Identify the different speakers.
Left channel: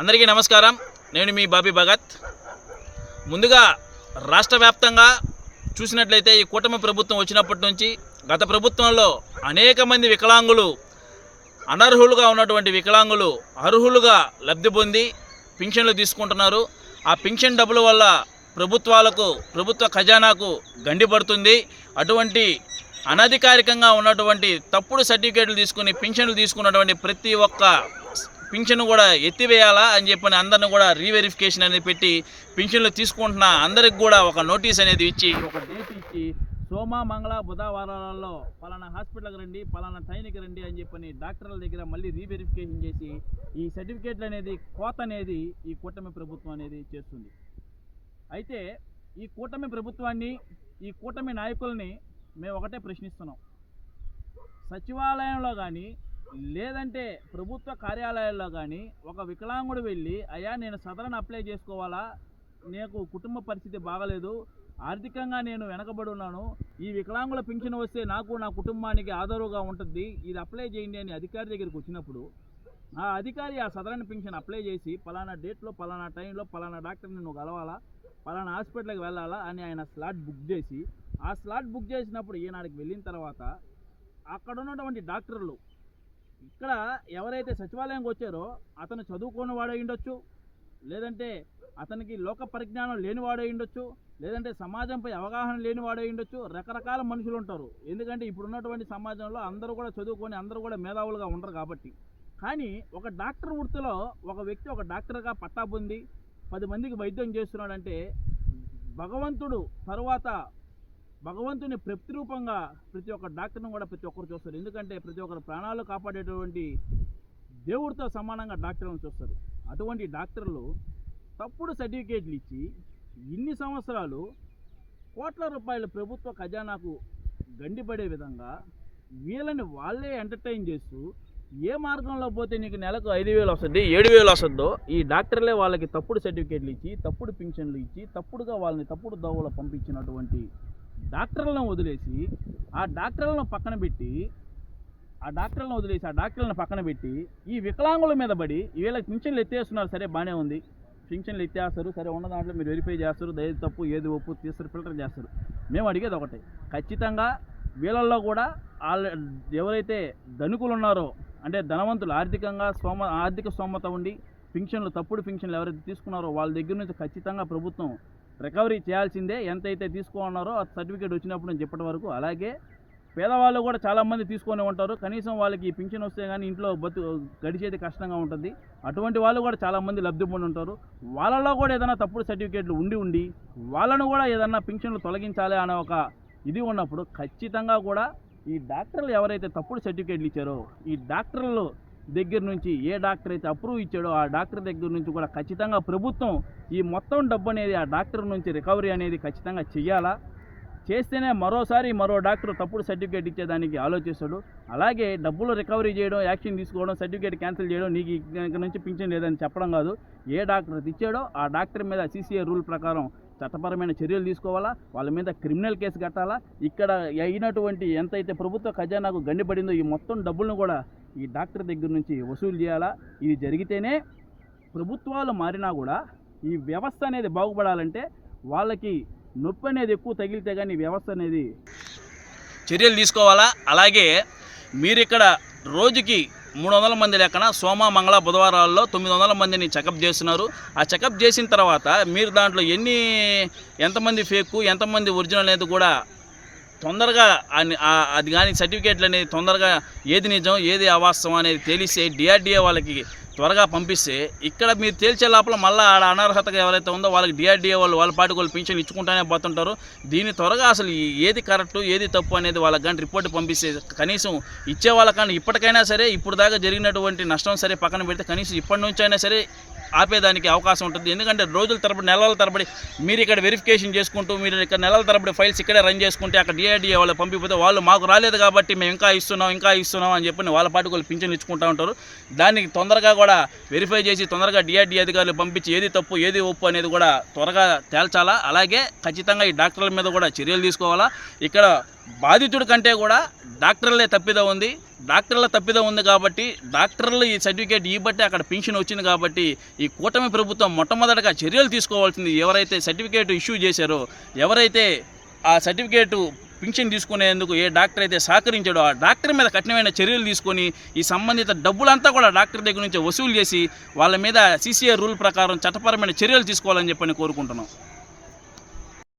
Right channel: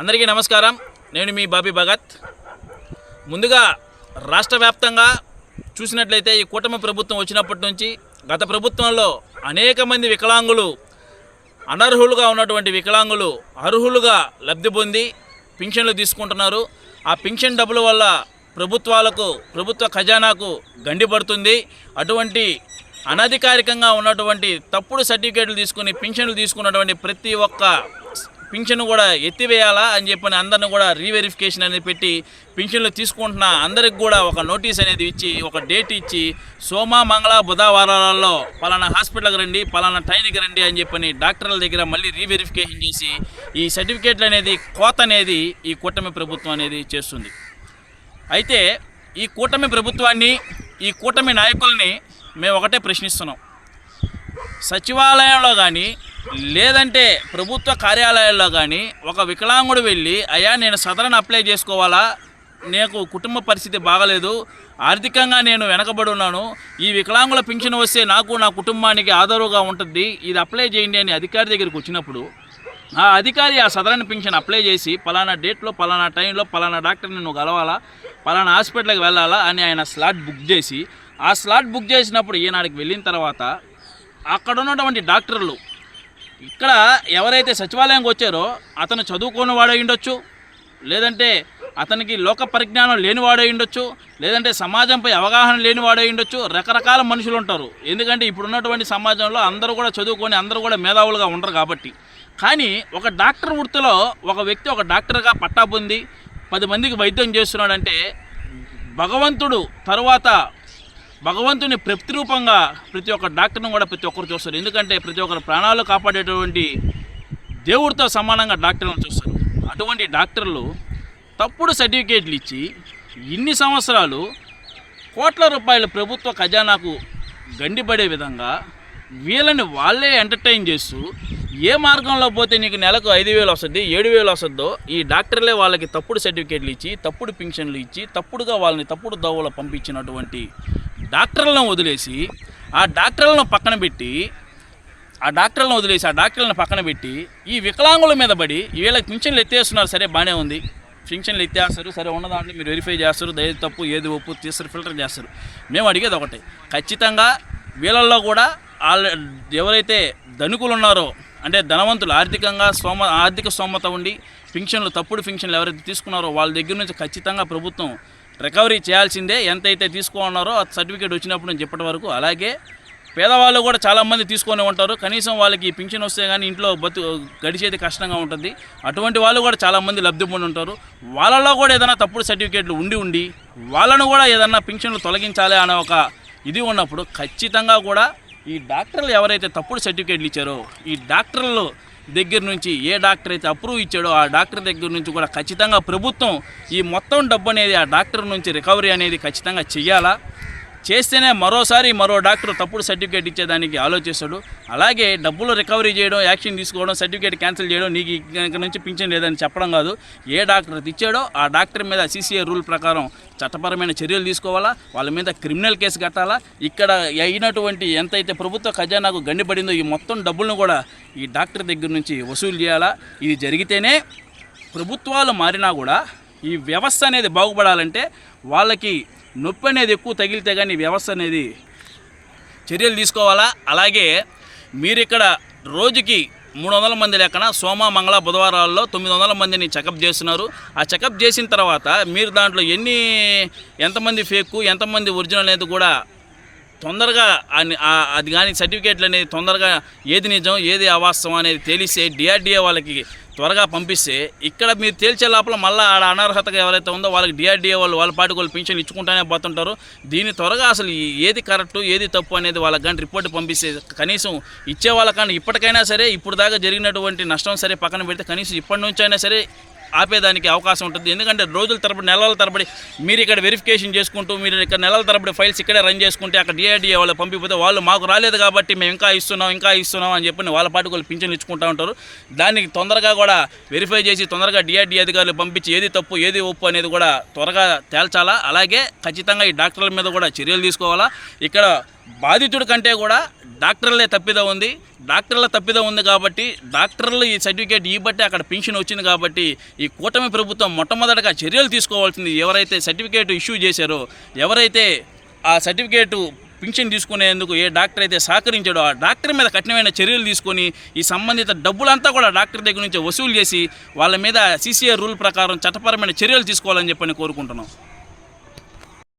Speaker 1: అందరికీ నమస్కారం. నేను మీ బాబీ భగత్. ముందుగా రాష్ట్ర వ్యాప్తంగా చూసినట్లయితే ఈ కూటమి ప్రభుత్వం వచ్చినప్పటి నుంచి గత ప్రభుత్వంలో అనేక మంది వికలాంగులు అనర్హులుగా ఉన్నటువంటి వికలాంగులు అర్హులుగా లబ్ధి పొంది పింఛన్లు తీసుకుంటున్నారు. ఆ పింఛన్ డబ్బుల వల్ల ప్రభుత్వాలకు ప్రభుత్వ ఖజానాకు గండి పడుతుంది. అటువంటి అనధికారికంగా ఉన్నటువంటి తప్పుడు సర్టిఫికేట్లు తీసుకుని పింఛన్లు తీసుకున్నటువంటి ప్రతి ఒక్క పింఛను కూడా ఎత్తివేయాలా అని చెప్పని అందరిని కూడా రీవెరిఫికేషన్ అనేది పెట్టి పింఛన్లు తీసుకుంటున్న అందరికి కూడా ఒక నోటీస్ అనేది ఇచ్చి ఒక డేట్ ఇచ్చి సోమ మంగళ బుధవారాలలో పలానా హాస్పిటల్కి రండి పలానా టైంకి రండి అని చెప్పని డాక్టర్ల దగ్గర మళ్ళీ రీవెరిఫికేషన్ చేసి ఈ సర్టిఫికేట్లు అనేది కోత అనేది ఈ కూటమి ప్రభుత్వం అనేది చేస్తుంది. అయితే ఈ కూటమి ప్రభుత్వాన్ని ఈ కూటమి నాయకుల్ని మేము ఒకటే ప్రశ్నిస్తున్నాం. సచివాలయంలో కానీ లేదంటే ప్రభుత్వ కార్యాలయాల్లో కానీ ఒక వికలాంగుడు వెళ్ళి అయ్యా నేను సదరన్ అప్లై చేసుకోవాలా? నాకు కుటుంబ పరిస్థితి బాగలేదు. ఆర్థికంగా నేను వెనకబడి ఉన్నాను. ఈ వికలాంగుల పింఛన్ వస్తే నాకు నా కుటుంబానికి ఆదరుగా ఉంటుంది. ఇది అప్లై చేయండి అని అధికారి దగ్గరికి వచ్చినప్పుడు ఆ అధికారి ఆ సదరన్ పింఛన్ అప్లై చేసి పలానా డేట్లో పలానా టైంలో పలానా డాక్టర్ని నువ్వు కలవాలా? పలానా హాస్పిటల్కి వెళ్ళాలా? అని ఆయన స్లాట్ బుక్ చేసి ఆ స్లాట్ బుక్ చేసినప్పుడు ఈనాడికి వెళ్ళిన తర్వాత అక్కడ ఉన్నటువంటి డాక్టర్లు ఇక్కడ ఎవరైతే సచివాలయంకి వచ్చారో అతను చదువుకున్న వాడై ఉండొచ్చు లేదంటే అతనికి లోక పరిజ్ఞానం లేనివాడై ఉండొచ్చు లేదంటే సమాజంపై అవగాహన లేనివాడై ఉండొచ్చు రకరకాల మనుషులు ఉంటారు. ఎందుకంటే ఇప్పుడున్నటువంటి సమాజంలో అందరూ కూడా చదువుకొని అందరూ కూడా మేధావులుగా ఉండరు కాబట్టి. కానీ ఒక డాక్టర్ వృత్తిలో ఒక వ్యక్తి ఒక డాక్టర్గా పట్టా పొంది పది మందికి వైద్యం చేస్తున్నాడంటే భగవంతుడు తరువాత భగవంతుని ప్రతిరూపంగా ప్రతి ఒక్క డాక్టర్ను కూడా ప్రతి ఒక్కరు చూస్తారు. ఎందుకంటే ప్రతి ఒక్కరు ప్రాణాలు కాపాడేటువంటి దేవుడితో సమానంగా డాక్టర్లను చూస్తారు. అటువంటి డాక్టర్లు తప్పుడు సర్టిఫికేట్లు ఇచ్చి ఇన్ని సంవత్సరాలు కోట్ల రూపాయల ప్రభుత్వ ఖజానాకు గండిపడే విధంగా వీళ్ళని వాళ్ళే ఎంటర్టైన్ చేస్తూ ఏ మార్గంలో పోతే నీకు నెలకు ఐదు వేలు వస్తుంది ఏడు వేలు వస్తుందో ఈ డాక్టర్లే వాళ్ళకి తప్పుడు సర్టిఫికేట్లు ఇచ్చి తప్పుడు పింఛన్లు ఇచ్చి తప్పుడుగా వాళ్ళని తప్పుడు దవ్వలో పంపించినటువంటి డాక్టర్లను వదిలేసి ఆ డాక్టర్లను పక్కన పెట్టి ఆ డాక్టర్లను వదిలేసి ఆ డాక్టర్లను పక్కన పెట్టి ఈ వికలాంగుల మీద పడి వీళ్ళకి పింఛన్లు ఎత్తేస్తున్నారు సరే బాగానే ఉంది. పింఛన్లు ఎత్తేస్తారు సరే ఉన్న దాంట్లో మీరు వెరిఫై చేస్తారు ఏది తప్పు ఏది ఒప్పు తీస్తారు ఫిల్టర్ చేస్తారు. మేము అడిగేది ఒకటే ఖచ్చితంగా వీళ్ళల్లో కూడా వాళ్ళ ఎవరైతే ధనికులు ఉన్నారో అంటే ధనవంతులు ఆర్థికంగా సోమ ఆర్థిక సోమత ఉండి పింఛన్లు తప్పుడు పింఛన్లు ఎవరైతే తీసుకున్నారో వాళ్ళ దగ్గర నుంచి ఖచ్చితంగా ప్రభుత్వం రికవరీ చేయాల్సిందే. ఎంతైతే తీసుకున్నారో ఆ సర్టిఫికేట్ వచ్చినప్పుడు నేను చెప్పటి వరకు. అలాగే పేదవాళ్ళు కూడా చాలామంది తీసుకొని ఉంటారు. కనీసం వాళ్ళకి ఈ పింఛన్ వస్తే కానీ ఇంట్లో బతు గడిచేది కష్టంగా ఉంటుంది. అటువంటి వాళ్ళు కూడా చాలామంది లబ్ధి పొంది ఉంటారు. వాళ్ళలో కూడా ఏదైనా తప్పుడు సర్టిఫికేట్లు ఉండి ఉండి వాళ్ళను కూడా ఏదైనా పింఛన్లు తొలగించాలి అనే ఒక ఇది ఉన్నప్పుడు ఖచ్చితంగా కూడా ఈ డాక్టర్లు ఎవరైతే తప్పుడు సర్టిఫికేట్లు ఇచ్చారో ఈ డాక్టర్లు దగ్గర నుంచి ఏ డాక్టర్ అయితే అప్రూవ్ ఇచ్చాడో ఆ డాక్టర్ దగ్గర నుంచి కూడా ఖచ్చితంగా ప్రభుత్వం ఈ మొత్తం డబ్బు అనేది ఆ డాక్టర్ నుంచి రికవరీ అనేది ఖచ్చితంగా చెయ్యాలా? చేస్తేనే మరోసారి మరో డాక్టర్ తప్పుడు సర్టిఫికేట్ ఇచ్చేదానికి ఆలోచిస్తాడు. అలాగే డబ్బులు రికవరీ చేయడం యాక్షన్ తీసుకోవడం సర్టిఫికేట్ క్యాన్సిల్ చేయడం నీకు ఇక్కడ నుంచి పింఛన్ లేదని చెప్పడం కాదు. ఏ డాక్టర్ ఇచ్చాడో ఆ డాక్టర్ మీద సీసీఏ రూల్ ప్రకారం చట్టపరమైన చర్యలు తీసుకోవాలా? వాళ్ళ మీద క్రిమినల్ కేసు కట్టాలా? ఇక్కడ అయినటువంటి ఎంతైతే ప్రభుత్వ ఖజానాకు గండిపడిందో ఈ మొత్తం డబ్బులను కూడా ఈ డాక్టర్ దగ్గర నుంచి వసూలు చేయాలా? ఇది జరిగితేనే ప్రభుత్వాలు మారినా కూడా ఈ వ్యవస్థ అనేది బాగుపడాలంటే వాళ్ళకి నొప్పి అనేది ఎక్కువ తగిలితే కానీ వ్యవస్థ అనేది చర్యలు తీసుకోవాలా? అలాగే మీరు ఇక్కడ రోజుకి మూడు వందల మంది లెక్కన సోమ మంగళ బుధవారాల్లో తొమ్మిది వందల మందిని చెకప్ చేస్తున్నారు. ఆ చెకప్ చేసిన తర్వాత మీరు దాంట్లో ఎన్ని ఎంతమంది ఫేక్ ఎంతమంది ఒరిజినల్ అనేది కూడా తొందరగా అది కానీ సర్టిఫికేట్లు అనేది తొందరగా ఏది నిజం ఏది అవాస్తవం అనేది తెలిస్తే డిఆర్డిఏ వాళ్ళకి త్వరగా పంపిస్తే ఇక్కడ మీరు తేల్చే లోపల మళ్ళీ ఆడ అనర్హతగా ఎవరైతే ఉందో వాళ్ళకి డిఆర్డిఏ వాళ్ళు వాళ్ళ పాటికి వాళ్ళు పింఛన్ ఇచ్చుకుంటానే పోతుంటారు. దీన్ని త్వరగా అసలు ఏది కరెక్ట్ ఏది తప్పు అనేది వాళ్ళకి కానీ రిపోర్ట్ పంపిస్తే కనీసం ఇచ్చే వాళ్ళకన్నా ఇప్పటికైనా సరే ఇప్పుడు దాకా జరిగినటువంటి నష్టం సరే పక్కన పెడితే కనీసం ఇప్పటి నుంచి అయినా సరే ఆపేదానికి అవకాశం ఉంటుంది. ఎందుకంటే రోజుల తరబడి నెలల తరబడి మీరు ఇక్కడ వెరిఫికేషన్ చేసుకుంటూ మీరు ఇక్కడ నెలల తరబడి ఫైల్స్ ఇక్కడే రన్ చేసుకుంటే అక్కడ డిఐడిఏ వాళ్ళు పంపిపోతే వాళ్ళు మాకు రాలేదు కాబట్టి మేము ఇంకా ఇస్తున్నాం ఇంకా ఇస్తున్నాం అని చెప్పి వాళ్ళ పాటు వాళ్ళు పింఛన్లు ఇచ్చుకుంటూ ఉంటారు. దానికి తొందరగా కూడా వెరిఫై చేసి తొందరగా డిఆర్డీ అధికారులు పంపించి ఏది తప్పు ఏది ఒప్పు అనేది కూడా త్వరగా తేల్చాలా? అలాగే ఖచ్చితంగా ఈ డాక్టర్ల మీద కూడా చర్యలు తీసుకోవాలా? ఇక్కడ బాధితుడి కంటే కూడా డాక్టర్లే తప్పిద ఉంది. డాక్టర్ల తప్పిద ఉంది కాబట్టి డాక్టర్లు ఈ సర్టిఫికేట్ ఇవ్వబట్టి అక్కడ పెన్షన్ వచ్చింది కాబట్టి ఈ కూటమి ప్రభుత్వం మొట్టమొదటగా చర్యలు తీసుకోవాల్సింది ఎవరైతే సర్టిఫికేట్ ఇష్యూ చేశారో ఎవరైతే ఆ సర్టిఫికేటు పింఛన్ తీసుకునేందుకు ఏ డాక్టర్ అయితే సహకరించాడో ఆ డాక్టర్ మీద కఠినమైన చర్యలు తీసుకొని ఈ సంబంధిత డబ్బులంతా కూడా డాక్టర్ దగ్గర నుంచి వసూలు చేసి వాళ్ళ మీద సీసీఆర్ రూల్ ప్రకారం చట్టపరమైన చర్యలు తీసుకోవాలని చెప్పని కోరుకుంటున్నాం.